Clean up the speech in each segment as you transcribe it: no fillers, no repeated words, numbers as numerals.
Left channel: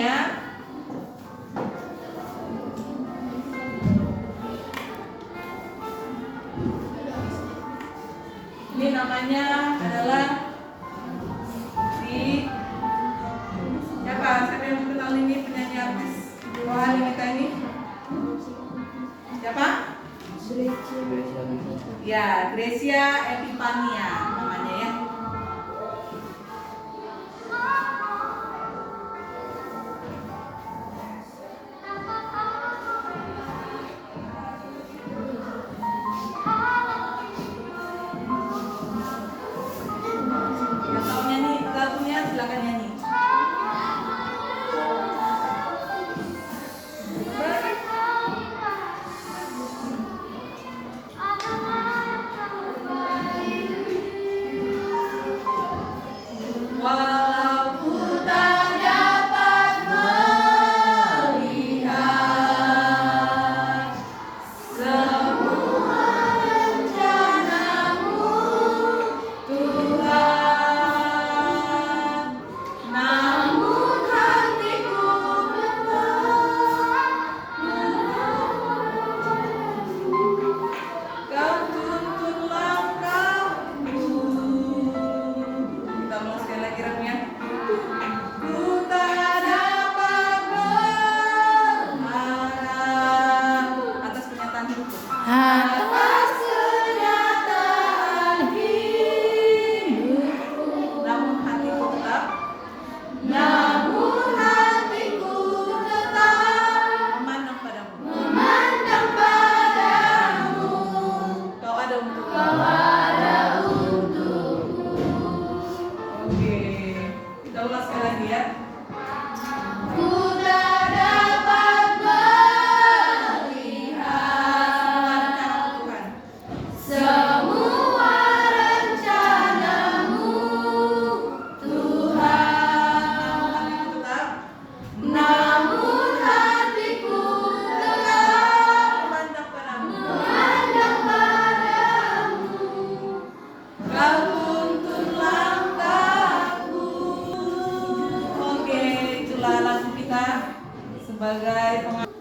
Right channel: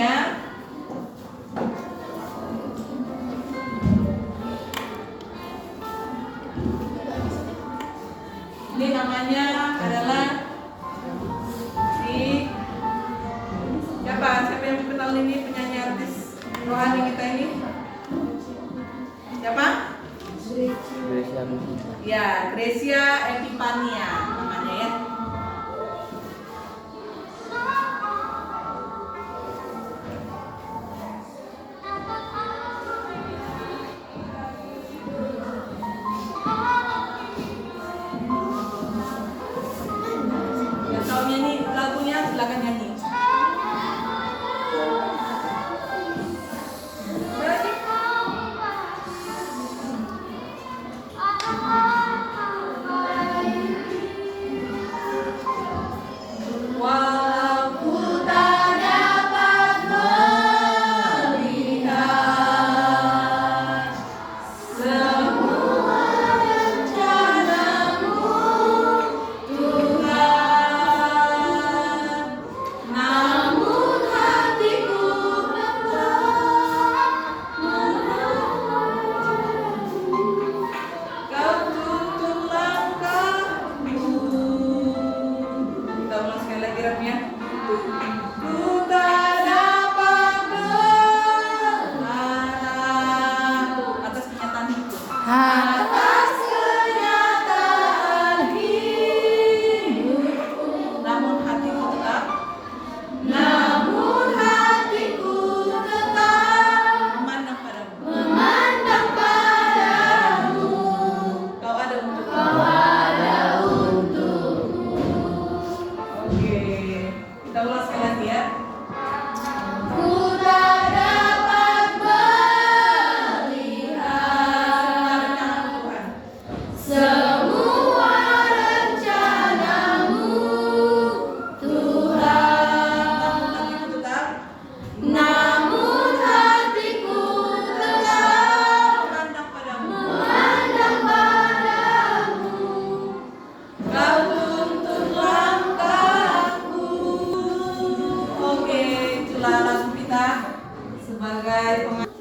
ya. Ini namanya adalah siapa yang kenal ini penyanyi artis rohani kita ini? Siapa? Ya, Gracia Epifania namanya ya. Yang tahu nyanyi lagunya silakan nyanyi.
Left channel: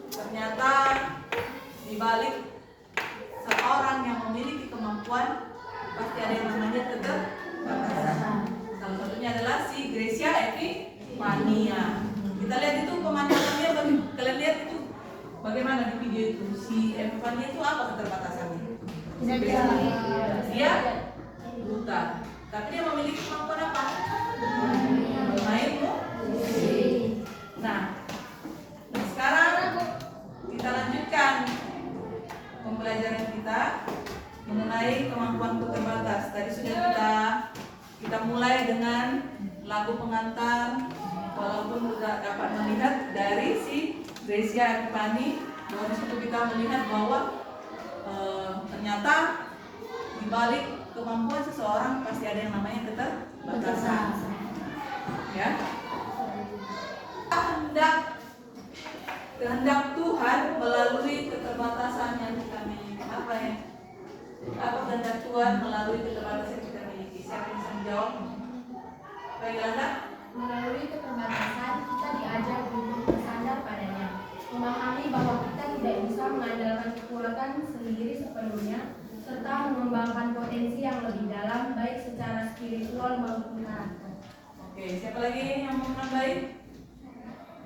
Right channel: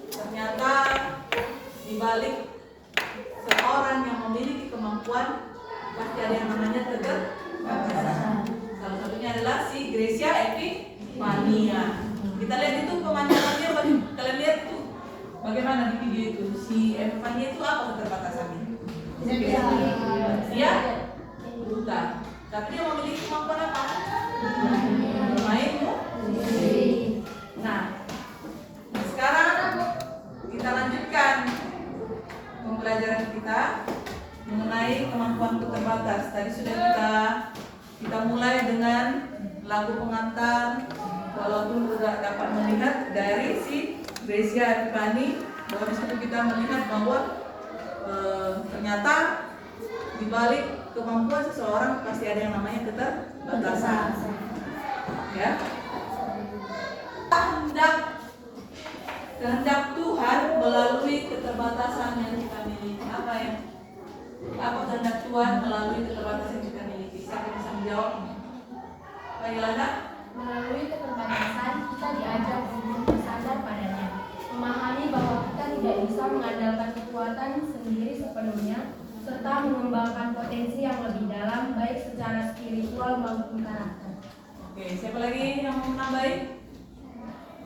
Ternyata dibalik seorang yang memiliki kemampuan pasti ada yang namanya keterbatasan. Salah satunya adalah si Gracia Epifania. Kita lihat itu pemandangannya, kalian lihat itu bagaimana di video itu. Si Epifania itu apa keterbatasannya? Dia buta, tapi dia memiliki kemampuan apa? Bermain musik. Nah, sekarang kita lanjutkan pembelajaran kita mengenai kemampuan terbatas. Tadi sudah kita mulai dengan lagu pengantar, walaupun sudah dapat melihat dari si Gracia Epifania bahwa di situ kita melihat bahwa ternyata di balik kemampuan seseorang pasti ada yang namanya keterbatasan. Ya. Kehendak Tuhan melalui keterbatasan yang kita miliki. Apa kehendak Tuhan melalui keterbatasan yang kita miliki? Siapa yang bisa menjawab? Pak Ilana? Melalui keterbatasan kita diajar untuk bersandar padanya, memahami bahwa kita tidak bisa mengandalkan kekuatan sendiri sepenuhnya, serta mengembangkan potensi yang lebih dalam baik secara spiritual maupun karakter. Oke, siapa lagi yang mau menambahin?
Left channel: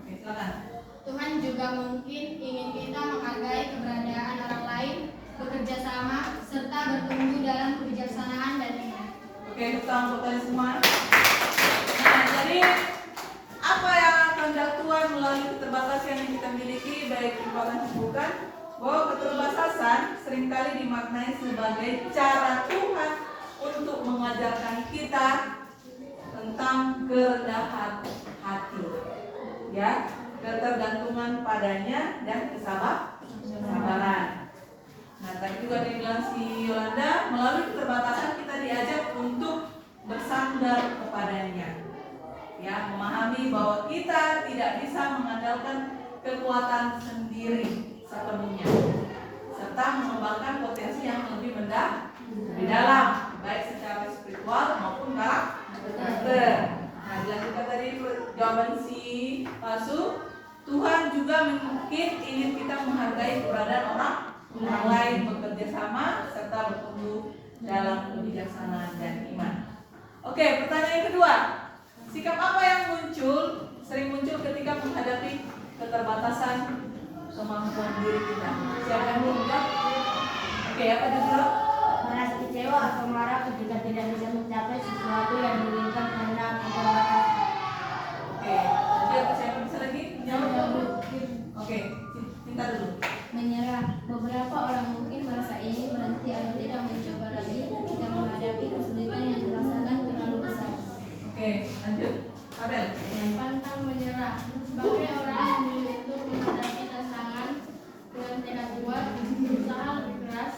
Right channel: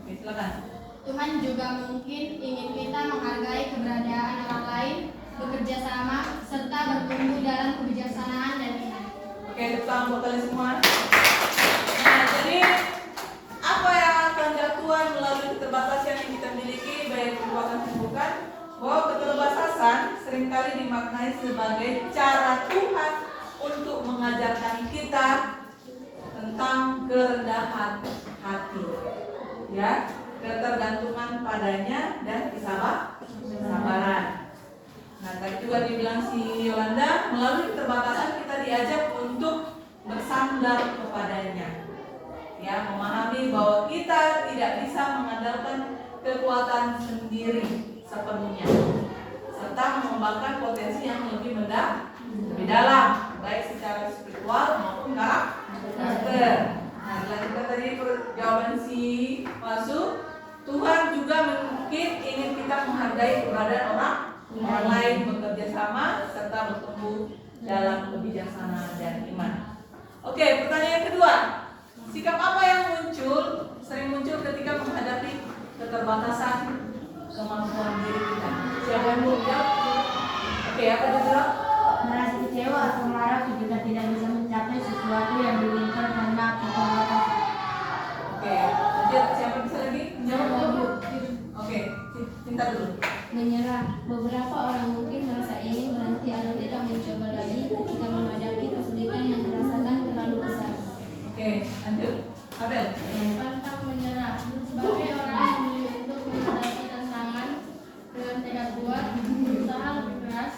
Oke, silakan. Tuhan juga mungkin ingin kita menghargai keberadaan orang lain, bekerja sama, serta bertumbuh dalam kebijaksanaan dan iman. Oke, salam buat kalian semua. Nah, jadi apa yang kehendak Tuhan melalui keterbatasan yang kita miliki, baik kekuatan dan bukan? Bahwa keterbatasan seringkali dimaknai sebagai cara Tuhan untuk mengajarkan kita tentang kerendahan hati, ya, ketergantungan padanya dan kesabaran. Nah, tadi juga dibilang si Yolanda, melalui keterbatasan kita diajak untuk bersandar kepadanya, ya, memahami bahwa kita tidak bisa mengandalkan kekuatan sendiri sepenuhnya, serta mengembangkan potensi yang lebih dalam, baik secara spiritual maupun karakter. Nah, dilanjutkan tadi jawaban si Masuk. Tuhan juga mungkin ingin kita menghargai keberadaan orang lain, bekerja sama serta bertumbuh dalam kebijaksanaan dan iman. Oke, pertanyaan yang kedua. Sikap apa yang sering muncul ketika menghadapi keterbatasan kemampuan diri kita? Siapa yang mau jawab? Oke, apa jawab? Merasa kecewa atau marah ketika tidak bisa mencapai sesuatu yang diinginkan karena keterbatasan. Oke, siapa bisa lagi? Oke, Cinta dulu. Menyerah. Beberapa orang mungkin merasa ingin berhenti atau tidak mencoba lagi ketika menghadapi kesulitan yang dirasakan terlalu besar. Oke, lanjut. Abel. Pantang menyerah. Sebagai orang yang memilih untuk menghadapi tantangan dengan tekad kuat, berusaha lebih keras,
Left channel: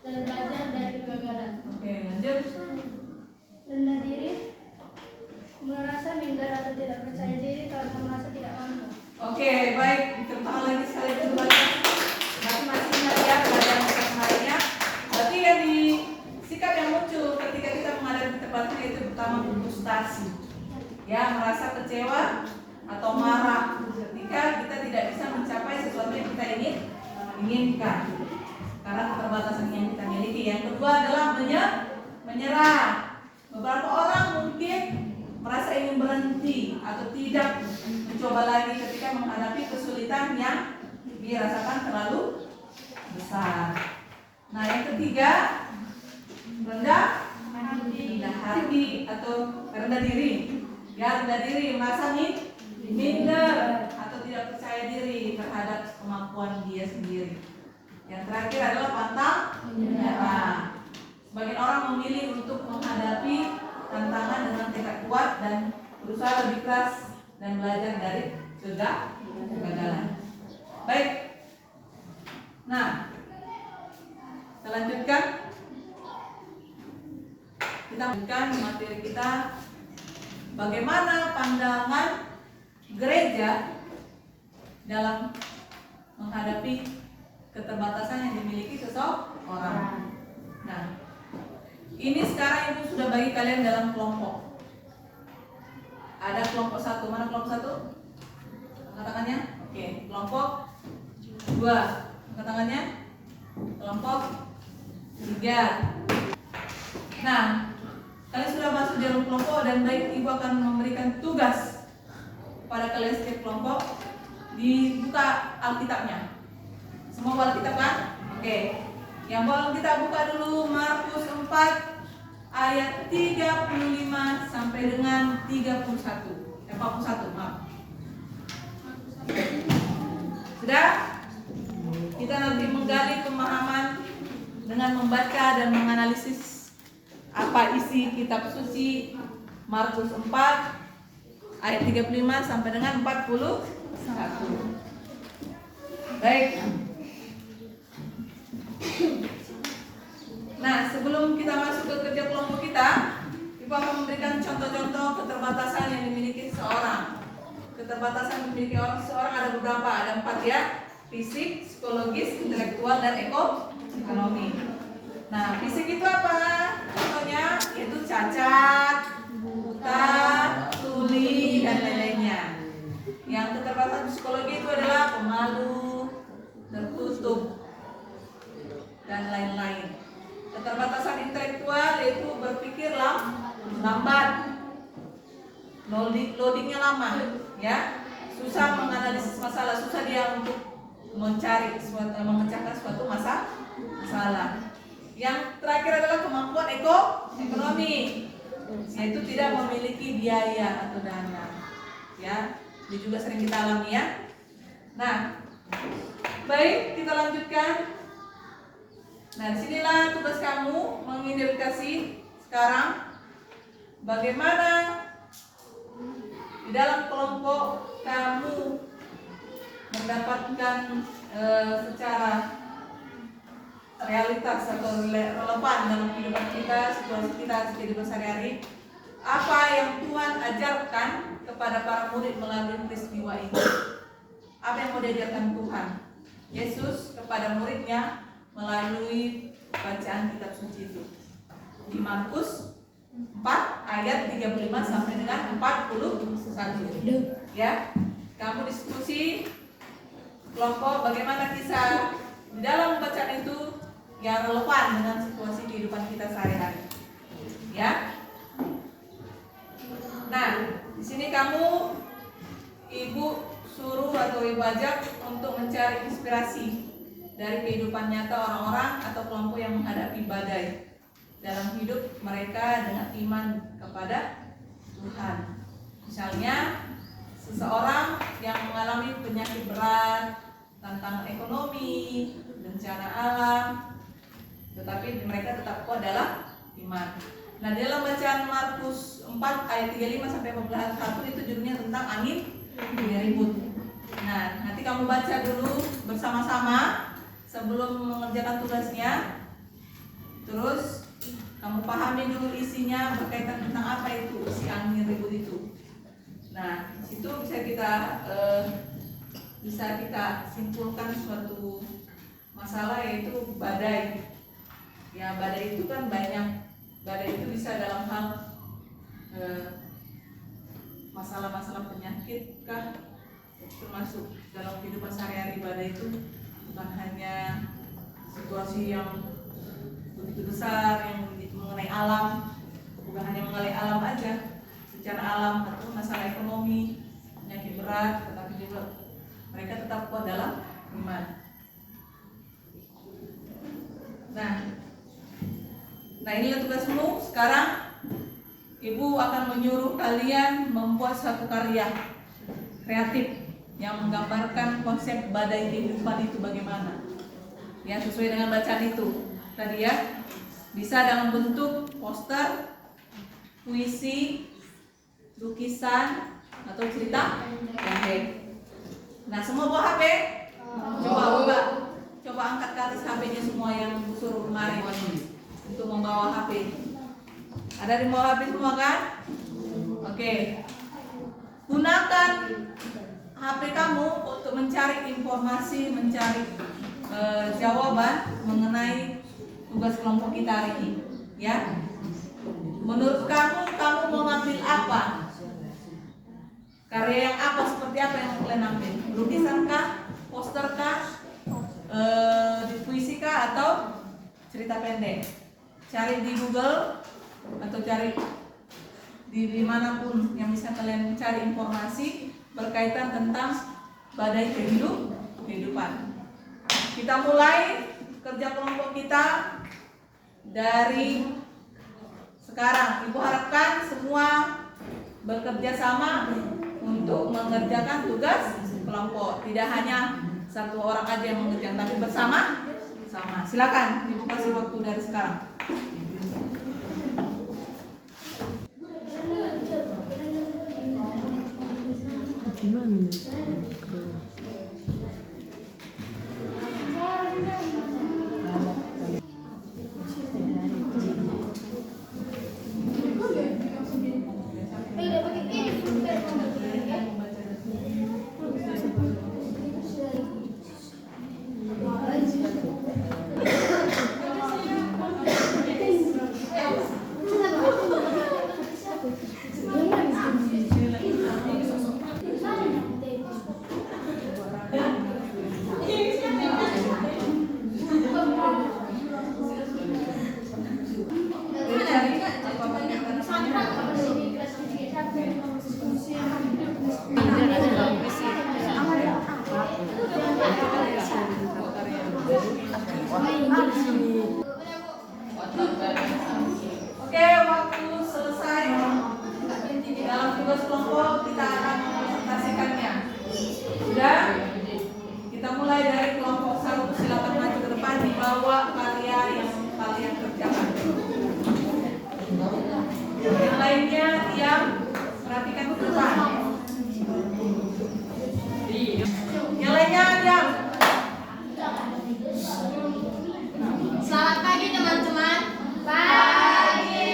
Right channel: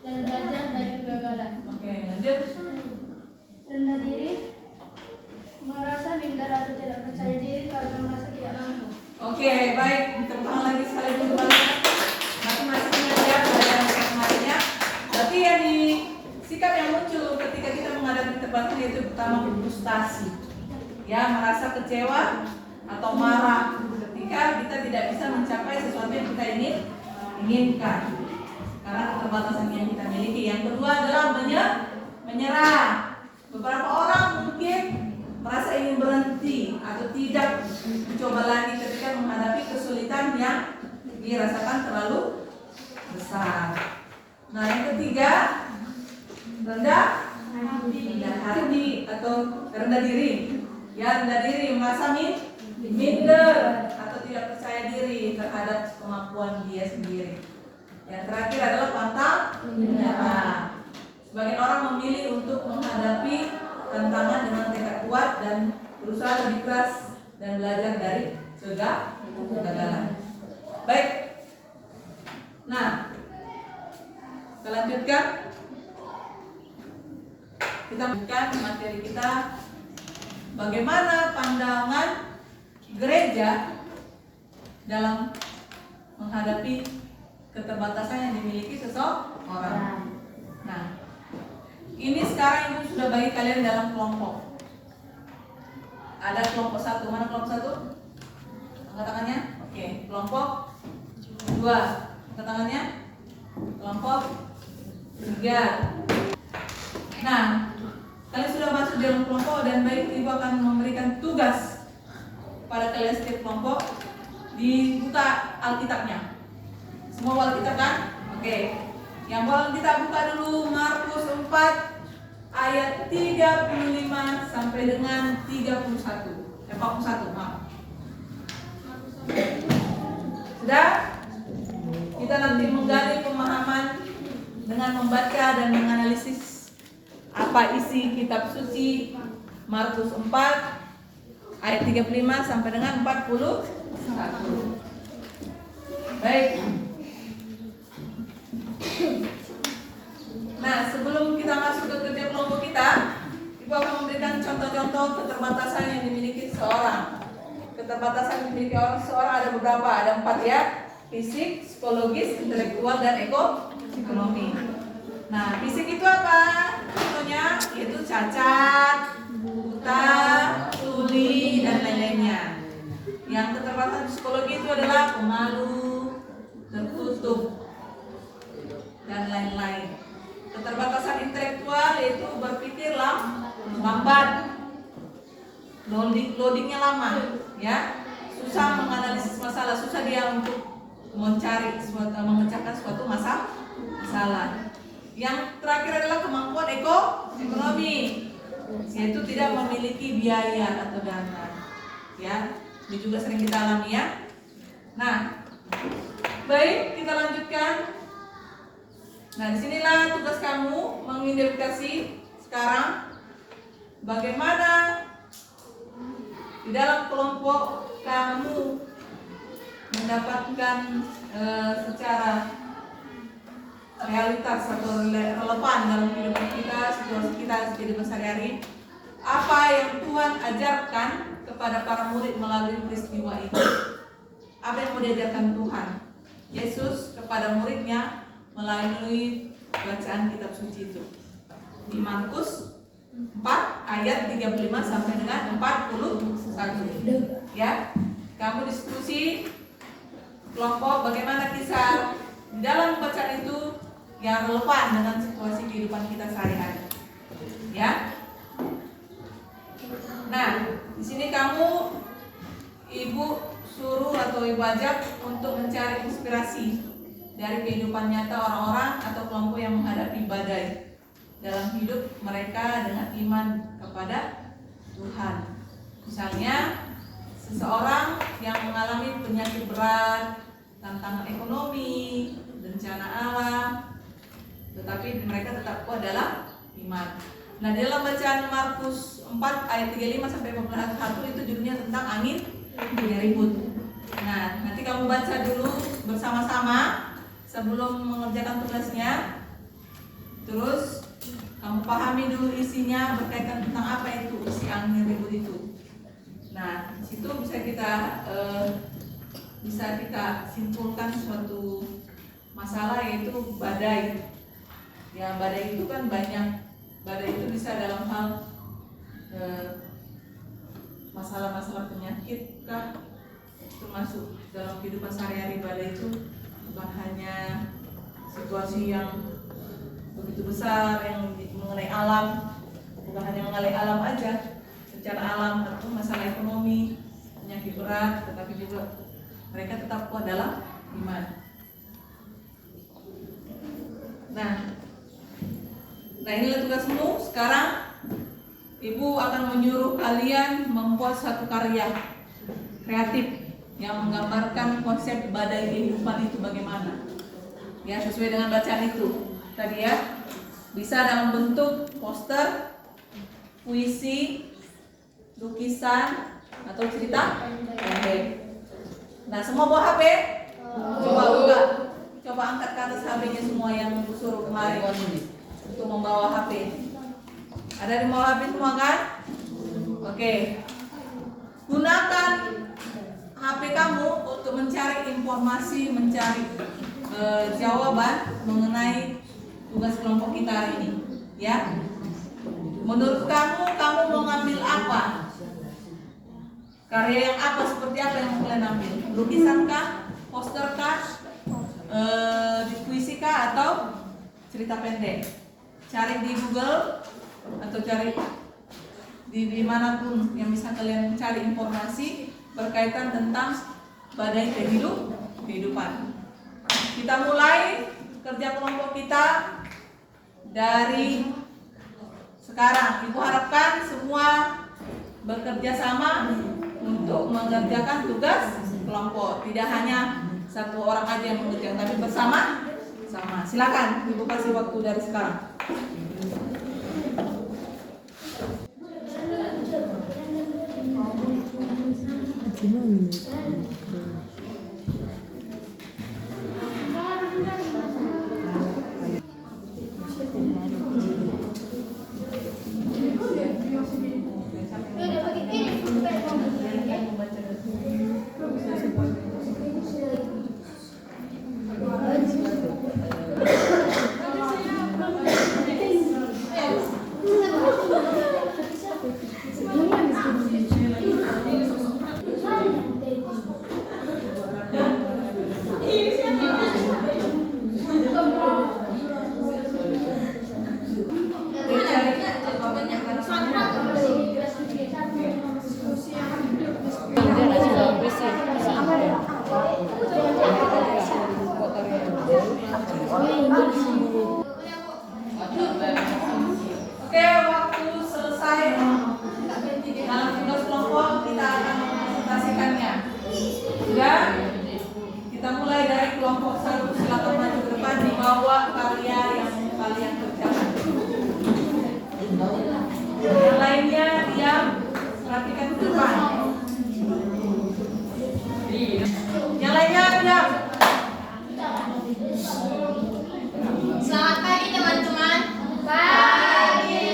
dan belajar dari kegagalan. Oke, lanjut. Rendah diri. Merasa minder atau tidak percaya diri karena merasa tidak mampu. Oke, baik. Tepuk tangan lagi sekali dulu semuanya. Masing-masing mengajar keadaan kemarinnya. Berarti yang di sikap yang muncul ketika kita menghadapi keterbatasan yaitu pertama frustasi. Ya, merasa kecewa atau marah ketika kita tidak bisa mencapai sesuatu yang kita inginkan karena keterbatasan yang kita miliki. Yang kedua adalah menyerah. Beberapa orang mungkin merasa ingin berhenti atau tidak mencoba lagi ketika menghadapi kesulitan yang dirasakan terlalu besar. Nah, yang ketiga rendah hati atau rendah diri. Ya, rendah diri, merasa minder atau tidak percaya diri terhadap kemampuan dia sendiri. Yang terakhir adalah pantang menyerah. Sebagian orang memilih untuk menghadapi tantangan dengan tekad kuat dan berusaha lebih keras dan belajar dari kegagalan. Baik. Nah, kita lanjutkan. Kita lanjutkan materi kita. Bagaimana pandangan gereja dalam menghadapi keterbatasan yang dimiliki seseorang. Nah, ini sekarang Ibu sudah bagi kalian dalam kelompok. Ada kelompok 1. Mana kelompok 1? Angkat tangannya. Oke, kelompok 2. Angkat tangannya. Kelompok 3. Nah, kalian sudah masuk dalam kelompok dan baik Ibu akan memberikan tugas pada kalian setiap kelompok. Dibuka Alkitabnya. Semua bawa Alkitab kan? Oke. Yang bawa Alkitab buka dulu Markus 4 ayat 35 sampai dengan 41, maaf. Sudah? Kita nanti menggali pemahaman dengan membaca dan menganalisis apa isi kitab suci Markus 4 ayat 35 sampai dengan 41. Baik. Nah, sebelum kita masuk ke kerja kelompok kita, Ibu akan memberikan contoh-contoh keterbatasan yang dimiliki seseorang. Keterbatasan yang dimiliki seseorang ada beberapa, ada 4 ya. Fisik, psikologis, intelektual, dan ekonomi. Nah, fisik itu apa? Contohnya yaitu cacat, buta, tuli, dan lain-lainnya. Yang keterbatasan psikologi itu adalah pemalu, tertutup, dan lain-lain. Keterbatasan intelektual yaitu berpikir lambat, loadingnya lama, ya, susah menganalisis masalah, susah dia untuk memecahkan suatu masalah. Yang terakhir adalah kemampuan ekonomi, yaitu tidak memiliki biaya atau dana, ya, ini juga sering kita alami ya. Nah, baik, kita lanjutkan. Nah, disinilah tugas kamu mengidentifikasi sekarang bagaimana di dalam kelompok kamu mendapatkan secara realitas atau relevan dalam kehidupan kita, situasi kita, kehidupan sehari-hari, apa yang Tuhan ajarkan kepada para murid melalui peristiwa itu. Apa yang mau diajarkan Tuhan Yesus kepada muridnya melalui bacaan kitab suci itu di Markus 4 ayat 35 sampai dengan 41 ya. kamu diskusi kelompok bagaimana kisah di dalam bacaan itu yang relevan dengan situasi kehidupan kita sehari-hari. Ya. Nah, di sini kamu ibu suruh atau ibu ajak untuk mencari inspirasi dari kehidupan nyata orang-orang atau kelompok yang menghadapi badai dalam hidup mereka dengan iman kepada Tuhan. Misalnya, seseorang yang mengalami penyakit berat, tantangan ekonomi, bencana alam, tetapi mereka tetap kuat dalam iman. Nah, dalam bacaan Markus 4 ayat 35 sampai 41 itu judulnya tentang angin ribut. Nah, nanti kamu baca dulu bersama-sama sebelum mengerjakan tugasnya. Terus kamu pahami dulu isinya berkaitan tentang apa itu isi angin ribut itu. Nah, di situ bisa kita simpulkan suatu masalah yaitu badai. Ya, badai itu kan banyak. Badai itu bisa dalam hal masalah-masalah penyakit kah, termasuk dalam kehidupan sehari-hari. Badai itu bukan hanya situasi yang begitu besar yang mengenai alam, bukan hanya mengenai alam aja, secara alam atau masalah ekonomi, penyakit berat, tetapi juga mereka tetap kuat dalam iman. Nah, inilah tugasmu. Sekarang ibu akan menyuruh kalian membuat satu karya kreatif yang menggambarkan konsep badai kehidupan itu bagaimana. Ya, sesuai dengan bacaan itu tadi ya. Bisa dalam bentuk poster, puisi, lukisan, atau cerita pendek. Nah, semua bawa HP? Coba buka. Coba angkat ke atas HP-nya semua yang suruh kemarin untuk membawa HP. Ada di bawah HP semua kan? Oke. Gunakan HP kamu untuk mencari informasi, mencari jawaban mengenai tugas kelompok kita hari ini. Ya. Menurut kamu mau ngambil apa? Karya yang apa, seperti apa yang kalian ambil? Lukisan kah? Poster kah? Puisi kah? Atau cerita pendek? Cari di Google atau cari di manapun yang bisa kalian cari informasi berkaitan tentang badai kehidupan. Kita mulai kerja kelompok kita dari sekarang. Ibu harapkan semua bekerja sama untuk mengerjakan tugas kelompok. Tidak hanya satu orang aja yang mengerjakan, tapi bersama. Silakan, ibu kasih waktu dari sekarang. Oke, waktu selesai dalam tugas kelompok kita akan mempresentasikannya. Sudah? Kita mulai dari kelompok 1. Silakan maju ke depan, dibawa karya yang kalian kerjakan. Yang lainnya diam, perhatikan ke depan. Yang lainnya diam. Selamat pagi teman-teman. Pagi.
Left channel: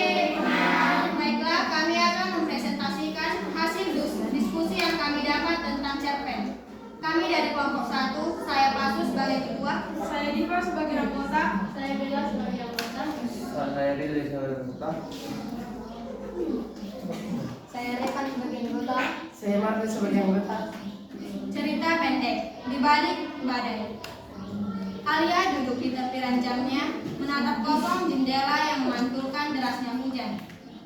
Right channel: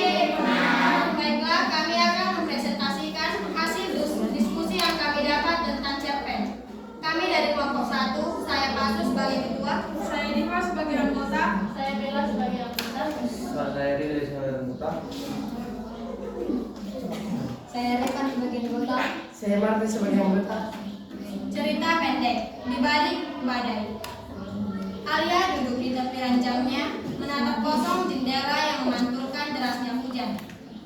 Baiklah, kami akan mempresentasikan hasil diskusi yang kami dapat tentang cerpen. Kami dari kelompok 1, saya Pasu sebagai ketua, saya Diva sebagai anggota, saya Bella sebagai anggota, Saya Rili sebagai anggota. saya Revan sebagai anggota, Saya Martin sebagai anggota. di balik badai. Alia duduk di tepi ranjangnya, menatap kosong jendela yang memantulkan derasnya hujan.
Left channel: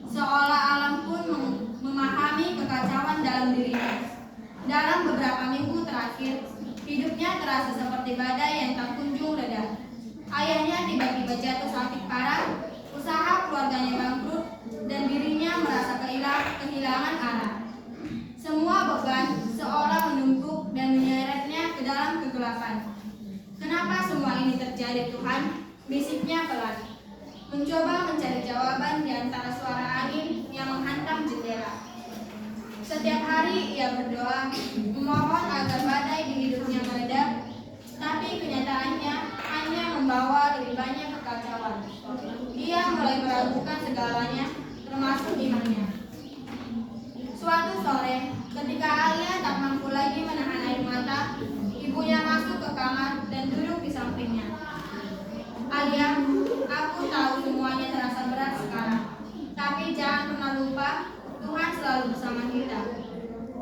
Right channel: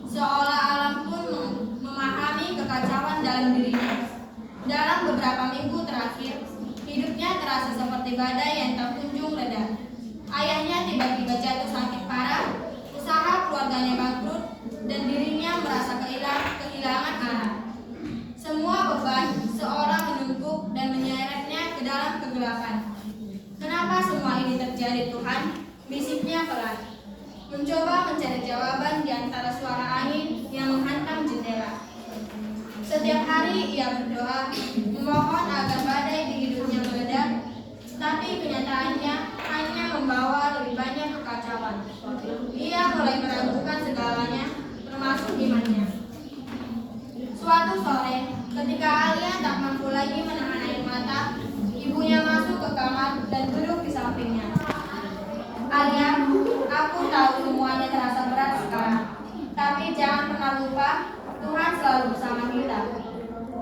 Seolah alam pun memahami kekacauan dalam dirinya. Dalam beberapa minggu terakhir, hidupnya terasa seperti badai yang tak kunjung reda. Ayahnya tiba-tiba jatuh sakit parah, usaha keluarganya bangkrut, dan dirinya merasa kehilangan arah. Semua beban seolah menumpuk dan menyeretnya ke dalam kegelapan. Kenapa semua ini terjadi, Tuhan? Bisiknya pelan. Mencoba mencari jawaban di antara suara angin yang menghantam jendela. Setiap hari ia berdoa, memohon agar badai di hidupnya mereda, tapi kenyataannya hanya membawa lebih banyak kekacauan. Ia mulai meragukan segalanya, termasuk imannya. Suatu sore, ketika Alia tak mampu lagi menahan air mata, ibunya masuk ke kamar dan duduk di sampingnya. Alia, aku tahu semuanya terasa berat sekarang, tapi jangan pernah lupa, Tuhan selalu bersama kita.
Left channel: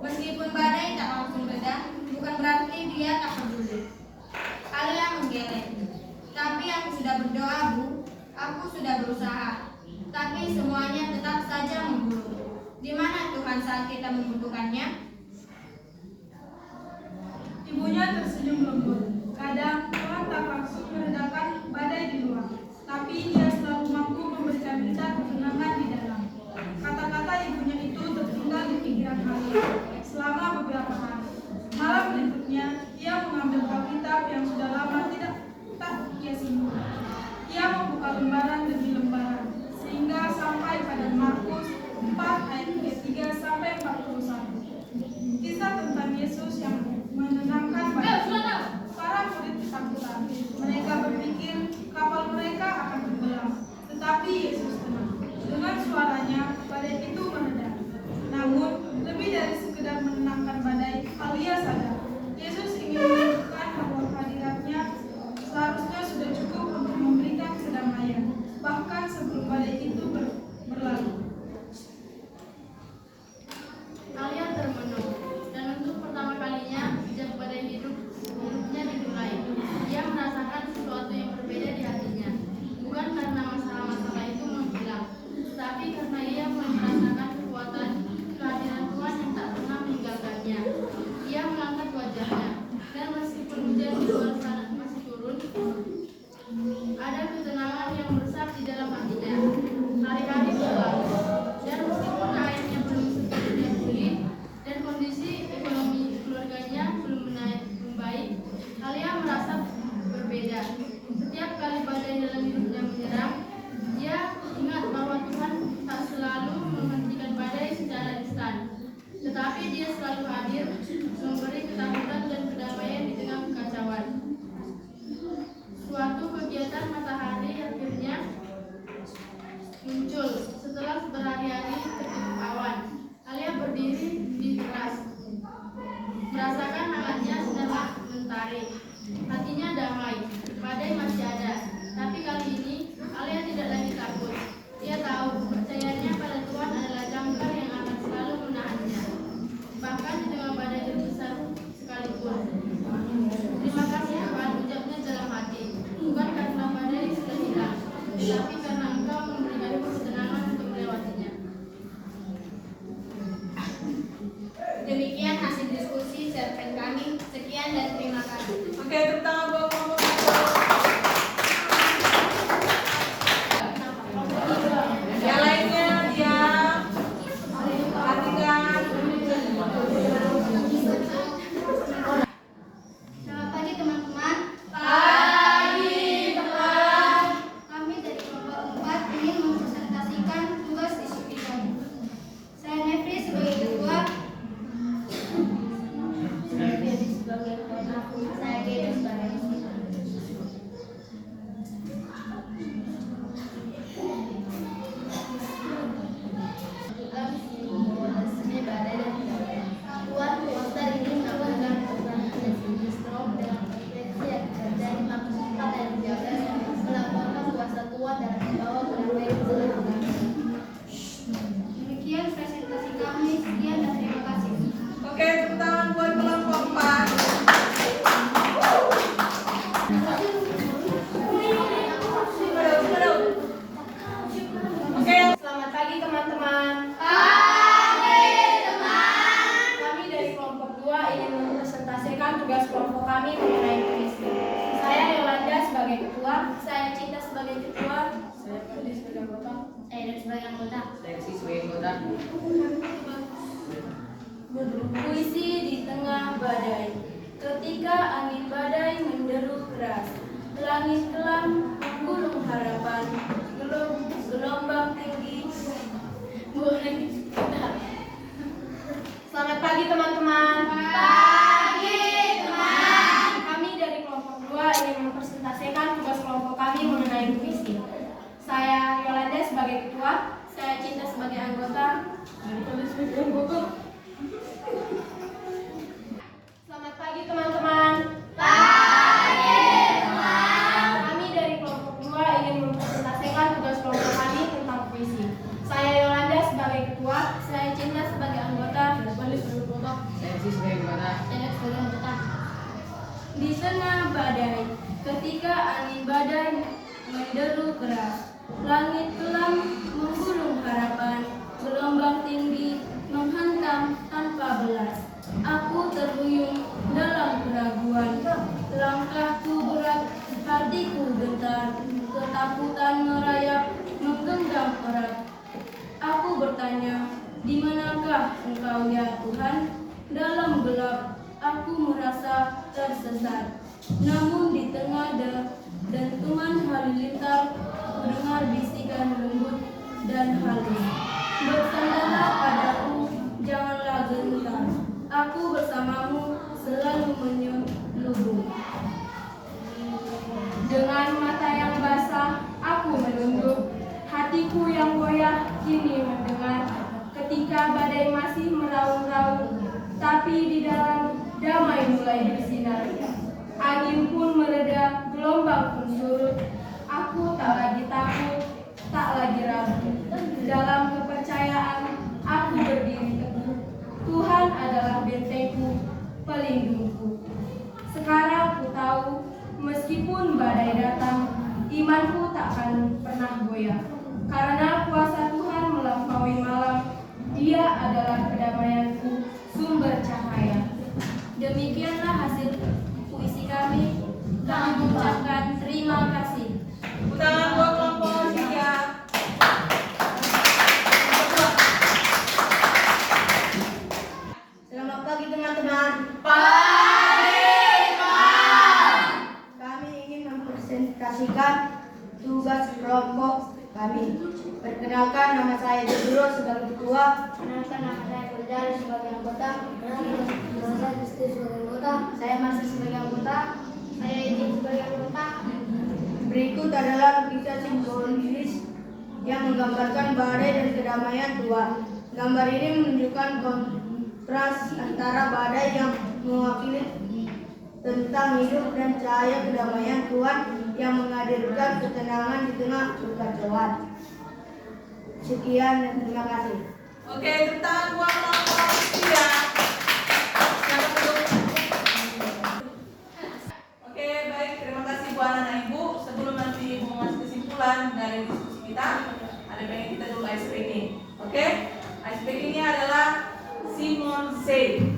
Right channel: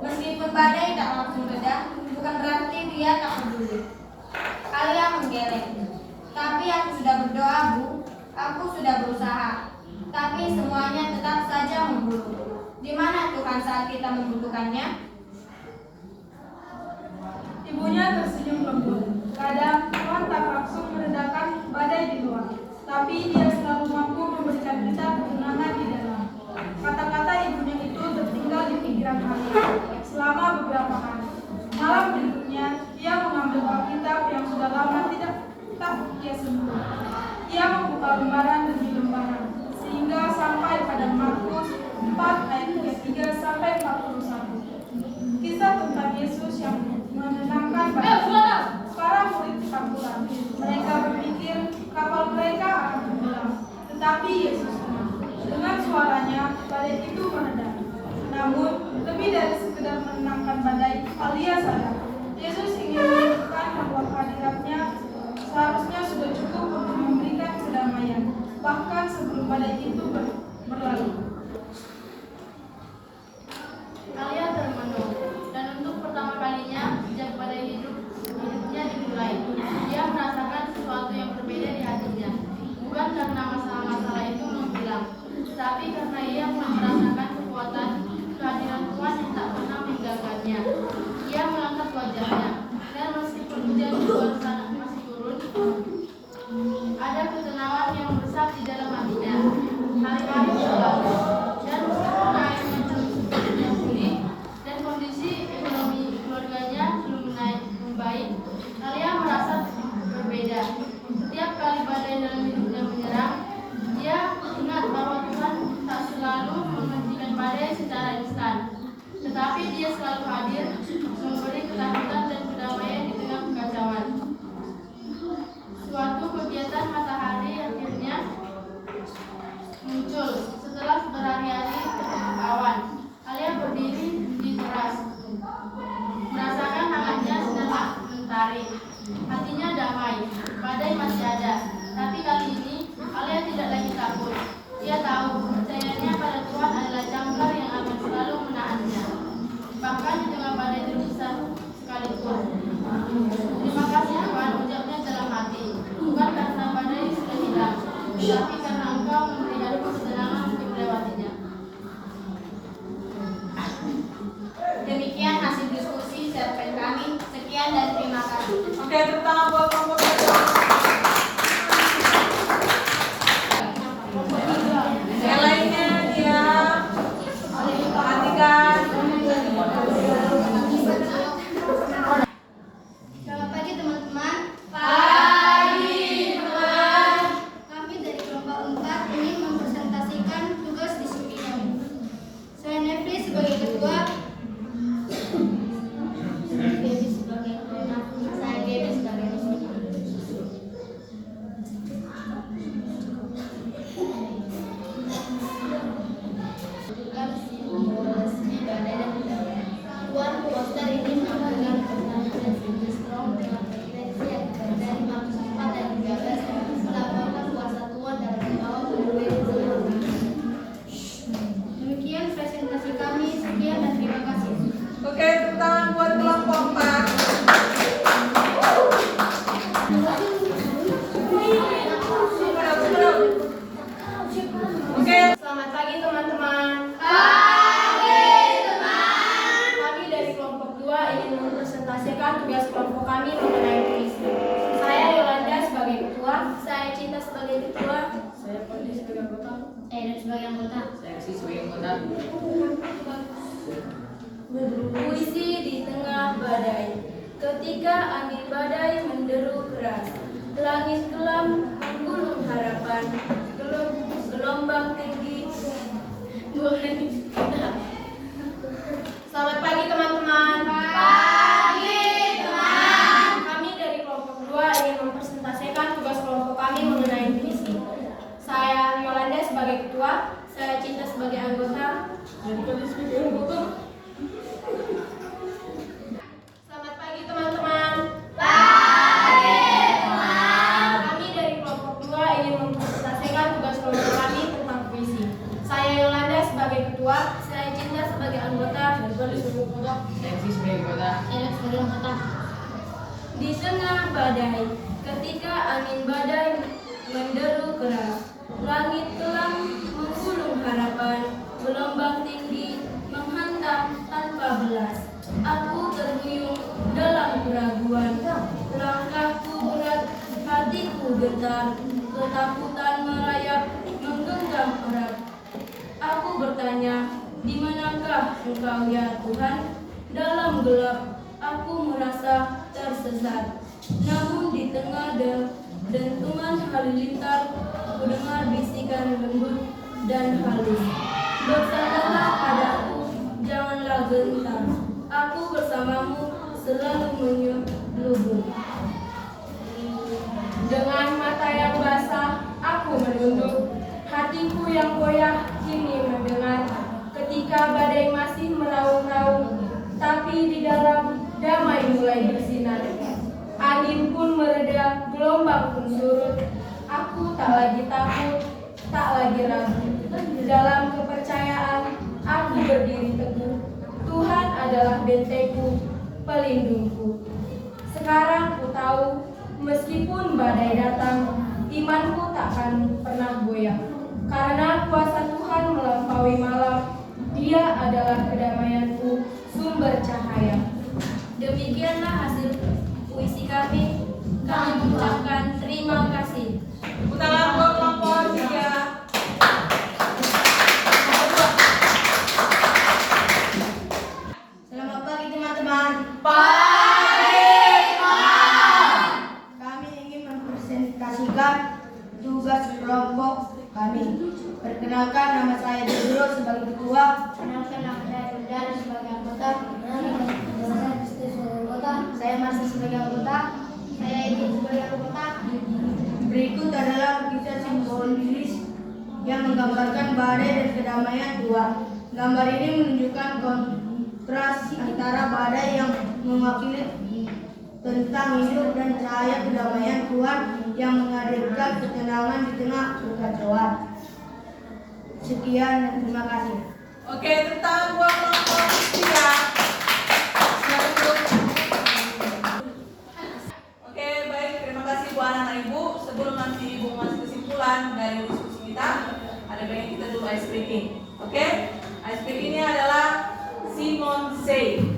Meskipun badai tak langsung reda, bukan berarti dia tak peduli. Alia menggeleng. Tapi aku sudah berdoa, Bu. Aku sudah berusaha. Tapi semuanya tetap saja memburu. Di mana Tuhan saat kita membutuhkannya? Ibunya tersenyum lembut. Kadang Tuhan tak langsung meredakan badai di luar, tapi Dia selalu mampu memberikan kita ketenangan di dalam. Kata-kata ibunya itu tertinggal di pikiran Alia selama beberapa hari. Malam berikutnya, ia mengambil Alkitab yang sudah lama tidak ia sentuh. Ia membuka lembaran demi lembaran, sehingga sampai pada Markus 4 ayat 33 sampai 41. Kisah tentang Yesus yang menenangkan badai. Para murid ketakutan. Mereka berpikir kapal mereka akan tenggelam, tetapi Yesus tenang. Dengan suaranya, badai itu mereda. Namun, lebih dari sekedar menenangkan badai, Alia sadar Yesus ingin menunjukkan bahwa kehadirannya seharusnya sudah cukup untuk memberikan kedamaian, bahkan sebelum badai itu berlalu. Alia termenung, dan untuk pertama kalinya sejak badai hidupnya dimulai, dia merasakan sesuatu yang berbeda di hatinya. Bukan karena masalah-masalah itu menghilang, tapi karena ia mulai merasakan kekuatan kehadiran Tuhan yang tak pernah meninggalkannya. Ia mengangkat wajahnya, dan meskipun hujan di luar sana masih turun, ada ketenangan yang meresap di dalam hatinya. Hari-hari berlalu, dan meskipun airnya belum sepenuhnya pulih dan kondisi ekonomi keluarganya belum membaik, Alia merasa berbeda. Setiap kali badai dalam hidupnya menyerang, dia ingat bahwa Tuhan tak selalu menghentikan badai secara instan, tetapi Dia selalu hadir, memberi ketakutan dan kedamaian di tengah kekacauan. Suatu kegiatan matahari akhirnya muncul setelah berhari-hari tertutup awan. Alia berdiri di teras, merasakan hangatnya sinar mentari. Hatinya damai, badai masih ada, tapi kali ini Alia tidak lagi takut. Ia tahu percayanya pada Tuhan adalah jangkar yang akan selalu menahannya, bahkan di tengah badai terbesar sekalipun. Terima kasih Tuhan, ucapnya dalam hati, bukan karena badai sudah hilang, tapi karena Engkau memberikan kesenangan untuk melewatinya. Demikian hasil diskusi cerpen kami. Sekian dan terima kasih. Oke, pertama buat kelompok satu. Yang lainnya diam. Perhatikan. Selamat pagi teman-teman. Pagi, teman. Kami dari kelompok 4 ingin mempresentasikan tugas diskusi kami. Saya Nefri sebagai ketua. Saya Gaby sebagai tugas kelompok kami mengenai puisi. Saya Yolanda sebagai ketua, Saya Cinta sebagai ketua. saya Fadli sebagai anggota. Saya Edo sebagai anggota. Seksi sebagai anggota. Puisi di tengah badai. Ketika angin badai menderu keras, langit kelam menggulung harapan, gelombang tinggi. Selamat pagi teman-teman. Pagi, teman. Kami dari kelompok 2 ingin mempresentasikan tugas kelompok kami mengenai puisi. Saya Yolanda sebagai ketua, Saya Cinta sebagai anggota. Selamat pagi teman-teman. Pagi, teman. Kami dari kelompok 2 ingin mempresentasikan tugas kelompok kami tentang puisi. Saya Yolanda sebagai ketua, Saya Cinta sebagai anggota. Seksi sebagai anggota. Edo sebagai anggota. di tengah badai. Ketika angin badai menderu keras, langit kelam menggulung harapan, gelombang tinggi menghantam tanpa belas. Aku terhuyung dalam keraguan, langkahku berat, hatiku gentar, ketakutan merayap, menggenggam erat. Aku bertanya, di manakah Engkau ya Tuhan? Dalam gelap, aku merasa tersesat. Namun di tengah dentuman halilintar, ku dengar bisikan lembut dan halus. Bersandarlah padaku, janganlah gentar. Aku bersamamu selalu menyelubung. Dengan mata yang basah, aku menunduk. Hatiku yang goyah kini mendengar. Ketika badai masih meraung-raung, tapi di dalam damai mulai bersinar. Angin pun mereda, gelombang pun surut. Aku tak lagi takut, tak lagi ragu. Dalam kepercayaan, aku berdiri teguh. Tuhan adalah bentengku, pelindungku. Sekarang ku tahu, meskipun badai datang, imanku takkan pernah goyah. Karena kuasa Tuhan melampaui malam, Dia adalah kedamaianku, sumber cahaya. Demikianlah hasil puisi kami. Kami mengucapkan terima kasih. Tepuk tangan buat kelompok 3. Selamat pagi teman-teman. Kami ingin mempresentasikan tugas kelompok kami. Perkenalkan, nama saya Jodro sebagai ketua. Perkenalkan, nama saya Gundari sebagai anggota. Nama saya Kristi sebagai anggota. Saya Marcel sebagai anggota. Saya Edi sebagai anggota. Berikut adalah lukisan simbolis yang menggambarkan badai dan kedamaian tua. Gambar ini menunjukkan kontras antara badai yang mewakili tentang hidup dan cahaya kedamaian Tuhan yang menghadirkan ketenangan di tengah kekacauan. Sekian dan terima kasih. Oke, tepuk tangan buat kelompok 3. Silakan duduk. Oke, baik. Terima kasih Bu anak Ibu. Sebelum nanti Ibu masuk kesimpulan dari diskusi kita, ada baiknya kita dulu ice breaking. Oke? Ice breaking ini adalah Simon Say.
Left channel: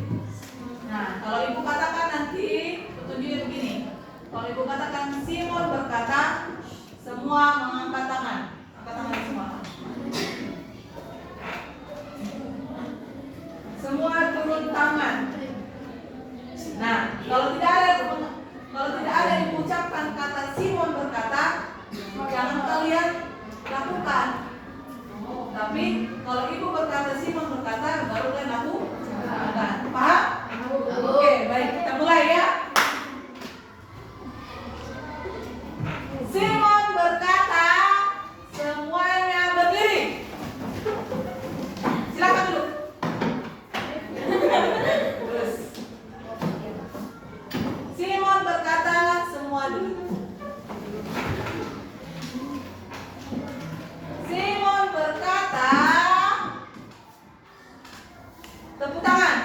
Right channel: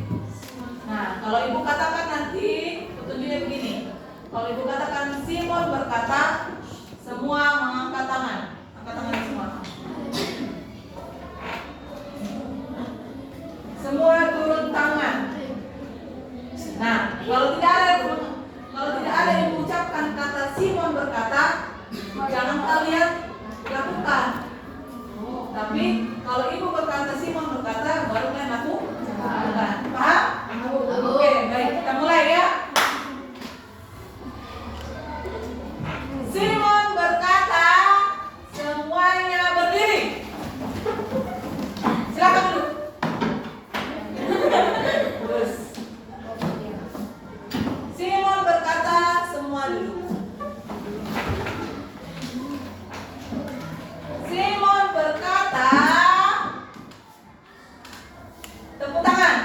Nah, kalau Ibu katakan nanti petunjuknya begini. Kalau Ibu katakan Simon berkata, semua mengangkat tangan. Angkat tangan semua. Semua turun tangan. Nah, kalau tidak ada yang mengucapkan kata Simon berkata, jangan kalian lakukan. Tapi kalau Ibu berkata Simon berkata, baru kalian lakukan. Paham? Oke, baik. Kita mulai ya. Simon berkata, semuanya berdiri. Silakan duduk. Terus. Simon berkata, semua duduk. Simon berkata, tepuk tangan.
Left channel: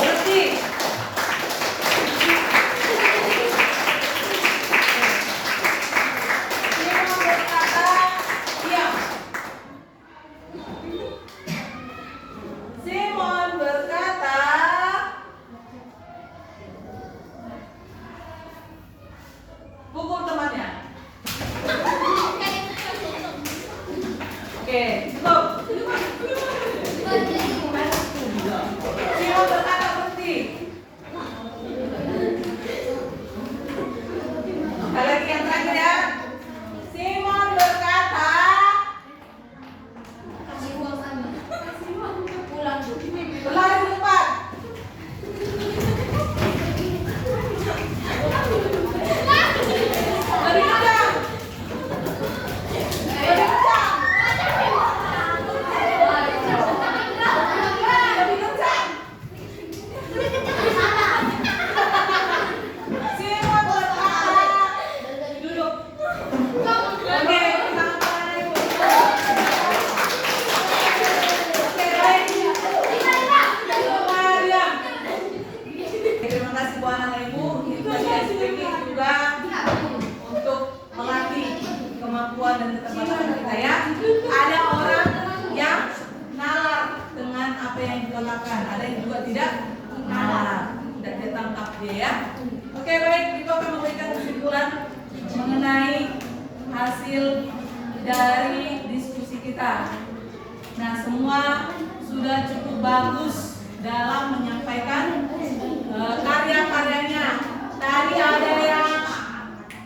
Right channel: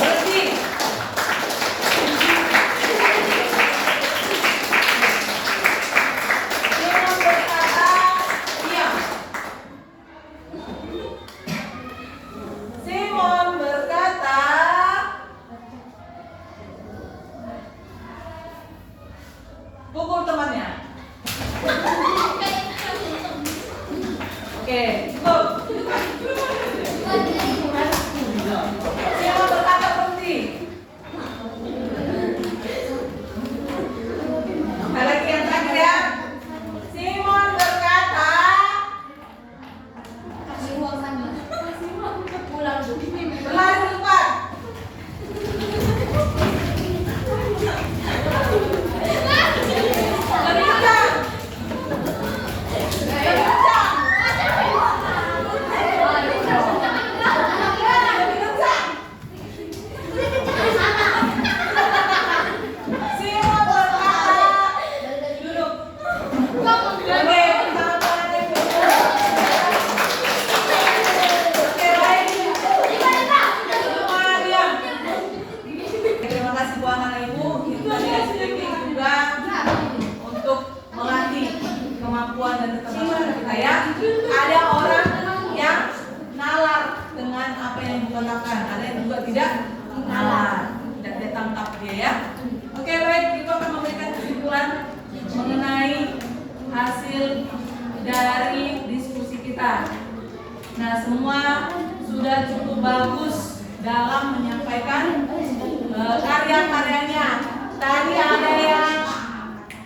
Berhenti. Simon berkata, diam. Simon berkata, tidak nalar. Tidak ditangkap dia ya. Oke baik, Ibu akan memberikan kesimpulan mengenai hasil dari diskusi kita. Nah, semua sudah cukup bagus dalam menyampaikan karya-karyanya. Tadi ada yang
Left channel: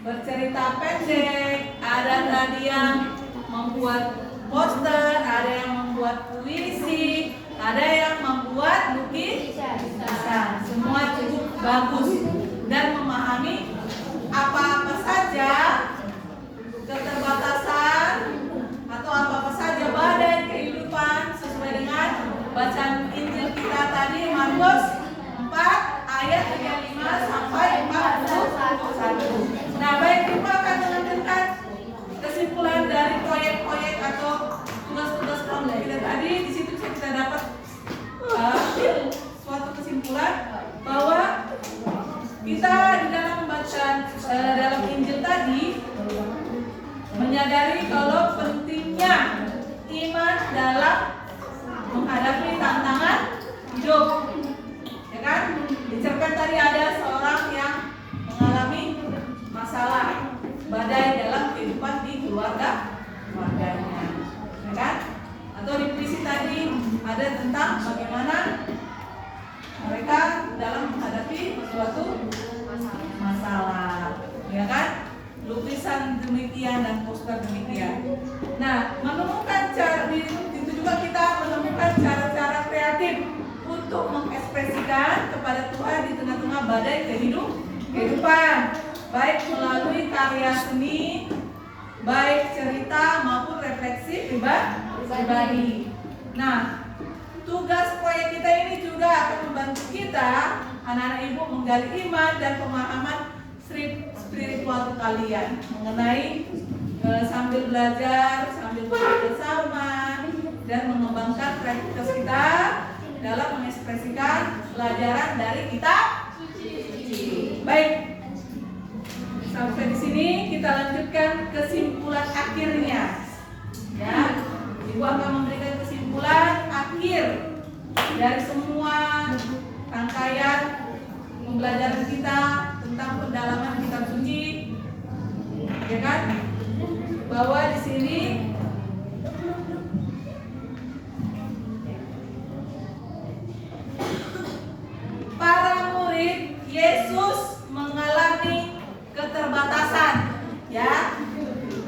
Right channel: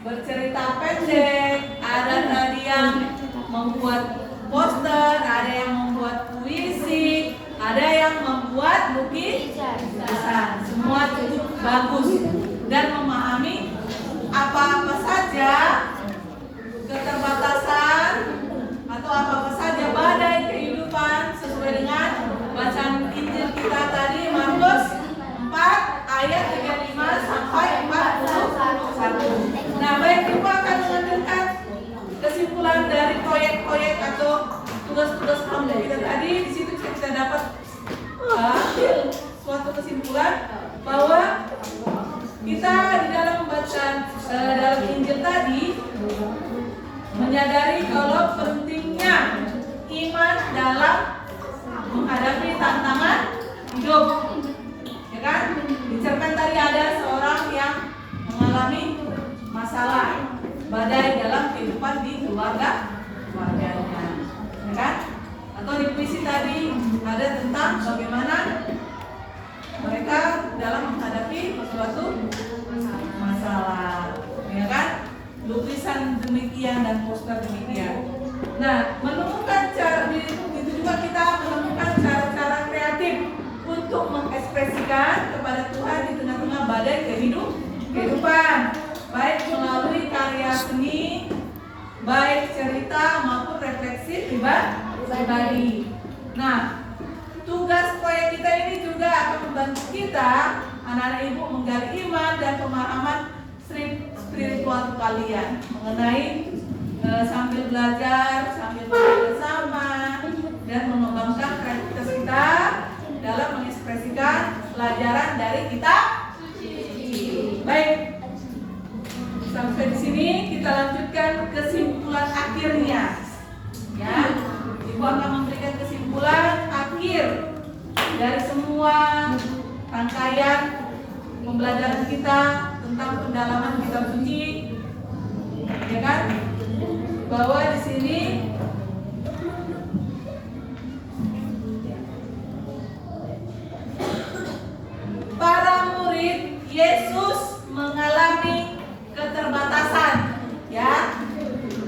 bercerita pendek, ada tadi yang membuat poster, ada yang membuat puisi, ada yang membuat lukisan. Semua cukup bagus dan memahami apa-apa saja keterbatasan atau apa-apa saja badai kehidupan sesuai dengan bacaan Injil kita tadi, Markus 4 ayat 35 sampai 41. Nah, baik, kita akan mengambilkan kesimpulan dari proyek-proyek atau tugas-tugas kelompok kita tadi. Di situ kita dapat suatu kesimpulan bahwa kita di dalam membaca dalam Injil tadi menyadari kalau pentingnya iman dalam menghadapi tantangan hidup, ya kan? Diceritakan tadi ada seorang yang mengalami masalah badai dalam kehidupan di keluarganya, ya kan? Atau di puisi tadi ada tentang bagaimana mereka dalam menghadapi suatu masalah, ya kan? Lukisan demikian dan poster demikian. Nah, menemukan cara itu juga kita menemukan cara-cara kreatif untuk mengekspresikan kepada Tuhan di tengah-tengah badai kehidupan, baik melalui karya seni, baik cerita maupun refleksi pribadi. Nah, tugas proyek kita ini juga akan membantu kita, anak-anak ibu, menggali iman dan pemahaman spiritual kalian mengenai sambil belajar, sambil bersama dan mengembangkan kreativitas kita dalam mengekspresikan pelajaran dari kita. Baik, sampai di sini kita lanjutkan kesimpulan akhirnya. Ya, Ibu akan memberikan kesimpulan akhir dari semua rangkaian pembelajaran kita tentang pendalaman kitab suci, ya kan? Bahwa di sini para murid Yesus mengalami keterbatasan, ya,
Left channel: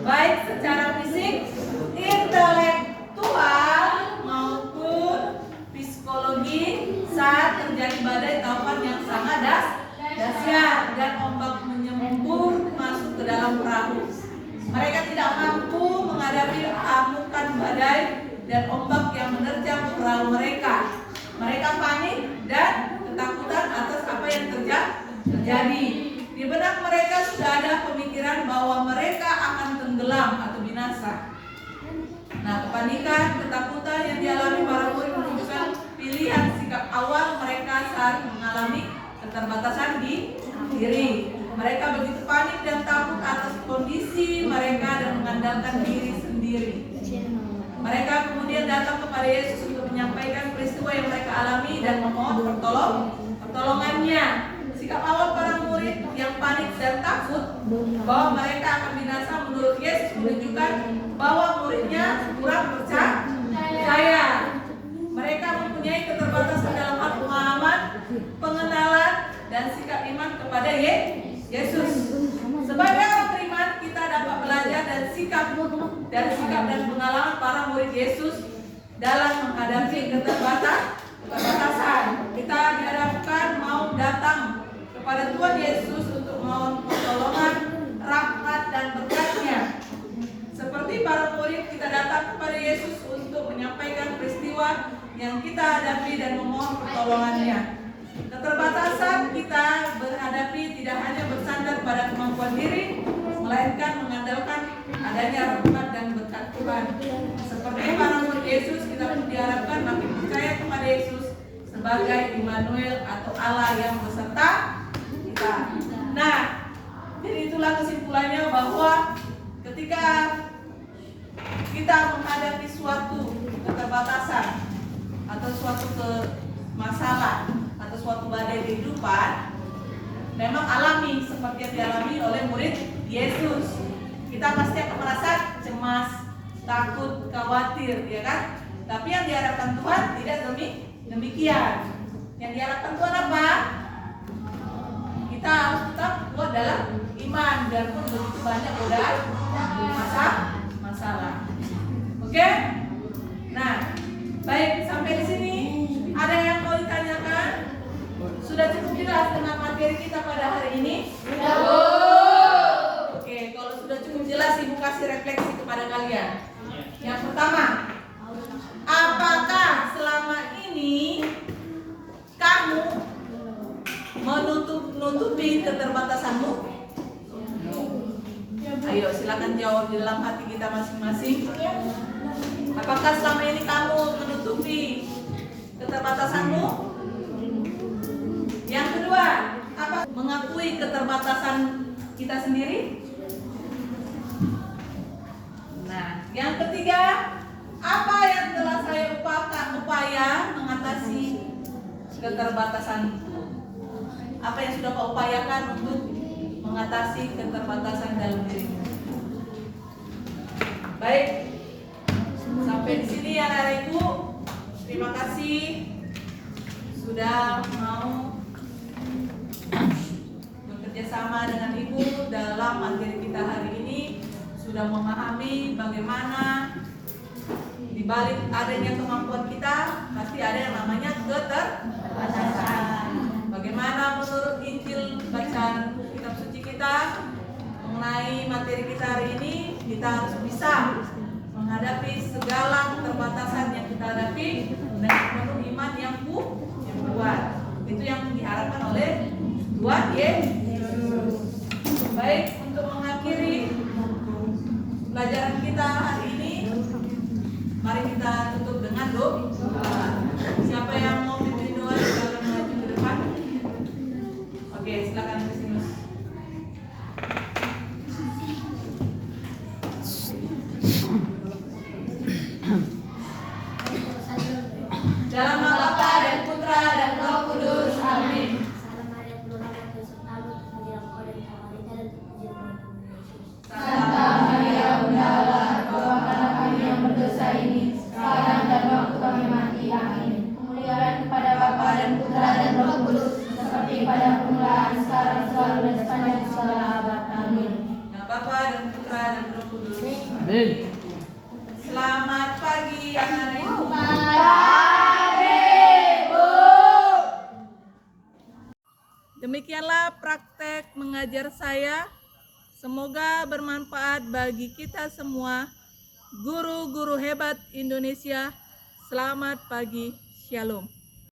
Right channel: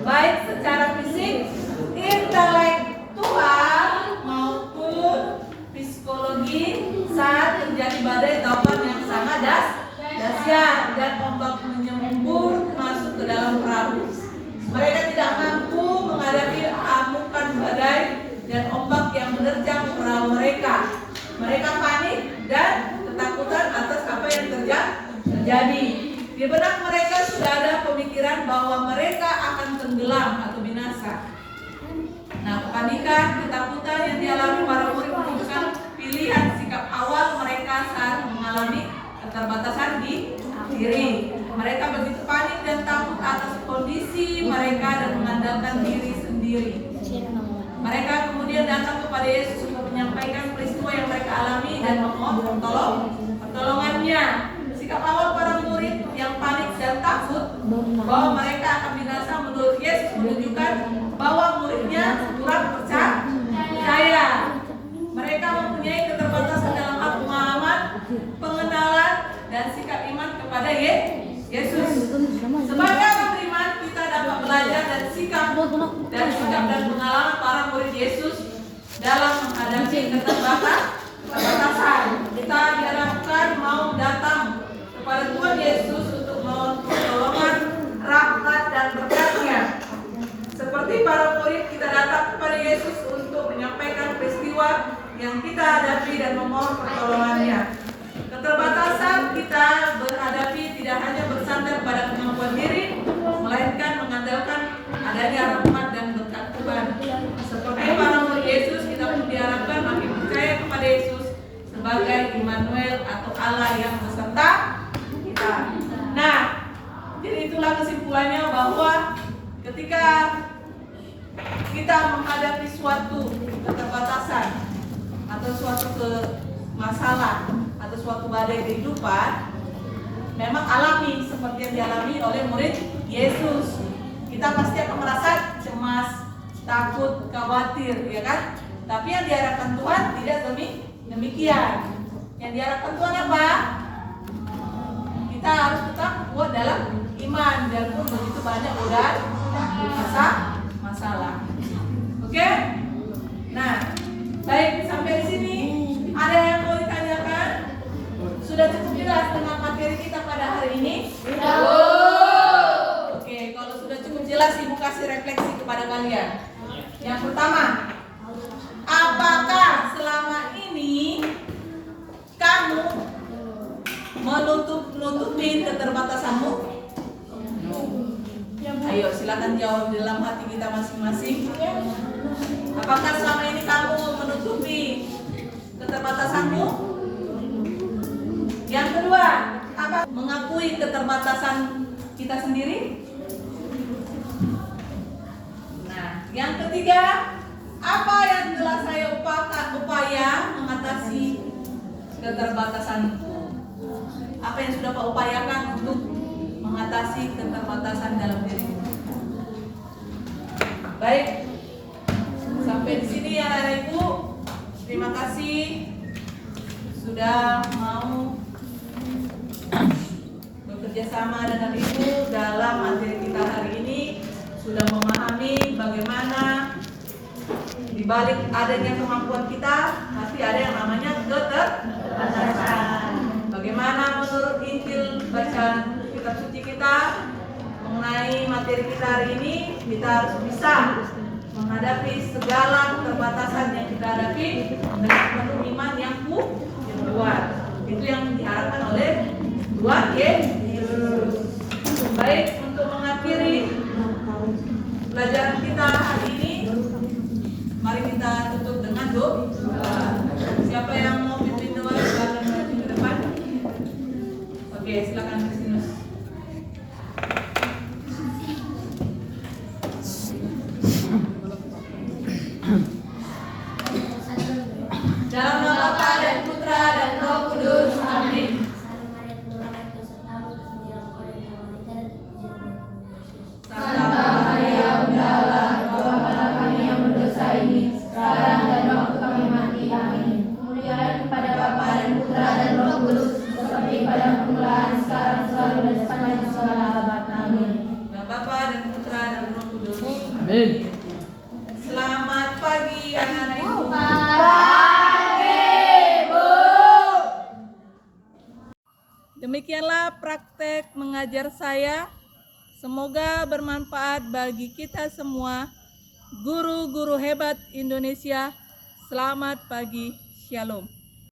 baik secara fisik, intelektual maupun psikologi saat terjadi badai taufan yang sangat dahsyat dan ombak menyembur masuk ke dalam perahu. Mereka tidak mampu menghadapi amukan badai dan ombak yang menerjang perahu mereka. Mereka panik dan ketakutan atas apa yang terjadi. Di benak mereka sudah ada pemikiran bahwa mereka akan tenggelam atau binasa. Nah, kepanikan, ketakutan yang dialami para murid menunjukkan pilihan sikap awal mereka saat mengalami keterbatasan di diri. Mereka begitu panik dan takut atas kondisi mereka dan mengandalkan diri sendiri. Mereka kemudian datang kepada Yesus untuk menyampaikan peristiwa yang mereka alami dan memohon pertolongannya. Sikap awal para murid yang panik dan takut bahwa mereka akan binasa menurut Yesus menunjukkan bahwa muridnya kurang percaya. Mereka mempunyai keterbatasan dalam hal pemahaman, pengenalan, dan sikap iman kepada Yesus. Sebagai orang beriman, kita dapat belajar dan sikap dan pengalaman para murid Yesus dalam menghadapi keterbatasan. Kita diharapkan mau datang kepada Tuhan Yesus untuk mohon pertolongan, rahmat, dan berkat-Nya. Seperti para murid, kita datang kepada Yesus untuk menyampaikan peristiwa yang kita hadapi dan memohon pertolongannya. Keterbatasan kita berhadapi tidak hanya bersandar pada kemampuan diri, melainkan mengandalkan adanya rahmat dan berkat Tuhan. Seperti para murid Yesus, kita pun diharapkan makin percaya kepada Yesus sebagai Immanuel atau Allah yang beserta kita. Nah, jadi itulah kesimpulannya bahwa ketika kita menghadapi suatu keterbatasan atau suatu masalah, suatu badai kehidupan memang alami seperti yang dialami oleh murid Yesus. Kita pasti akan merasa cemas, takut, khawatir, ya kan? Tapi yang diharapkan Tuhan tidak demikian. Yang diharapkan Tuhan apa? Kita harus tetap kuat dalam iman dan pun begitu banyak masalah. Oke? Nah, baik, sampai di sini ada yang mau ditanyakan? Sudah cukup jelas dengan materi kita pada hari ini? Oke, kalau sudah cukup jelas, Ibu kasih refleksi kepada kalian. Yang pertama, apakah selama ini kamu menutupi keterbatasanmu? Ayo silakan jawab di dalam hati kita masing-masing. Apakah selama ini kamu menutupi keterbatasanmu? Yang kedua, apa mengakui keterbatasan kita sendiri? Nah, yang ketiga, apa yang telah saya upaya mengatasi keterbatasanku? Apa yang sudah Pak upayakan untuk mengatasi keterbatasan dalam diri? Baik, sampai di sini ya Anak Ibu. Terima kasih sudah mau bekerja sama dengan Ibu dalam materi kita hari ini. Sudah memahami bagaimana di balik adanya kemampuan kita pasti ada yang namanya keterbatasan. Bagaimana menurut Injil bacaan kitab suci kita mengenai materi kita hari ini, kita harus bisa menghadapi segala keterbatasan yang kita hadapi dengan penuh iman yang kuat. Itu yang diharapkan oleh Tuhan Yesus. Baik, untuk mengakhiri pelajaran kita hari ini, mari kita tutup dengan doa. Siapa yang mau pimpin doa silakan maju ke depan. Oke, silakan Kristinus. Dalam nama Bapa dan Putra dan Roh Kudus. Amin. Santa Maria Bunda Allah, doakanlah kami yang berdosa ini sekarang dan waktu kami mati. Amin. Kemuliaan kepada Bapa dan Putra dan Roh Kudus, seperti pada permulaan, sekarang, selalu dan sepanjang segala abad. Amin. Nama Bapa dan Putra dan Roh Kudus. Amin. Selamat pagi anak-anak Ibu. Demikianlah praktek mengajar saya. Semoga bermanfaat bagi kita semua. Guru-guru hebat Indonesia. Selamat pagi. Shalom.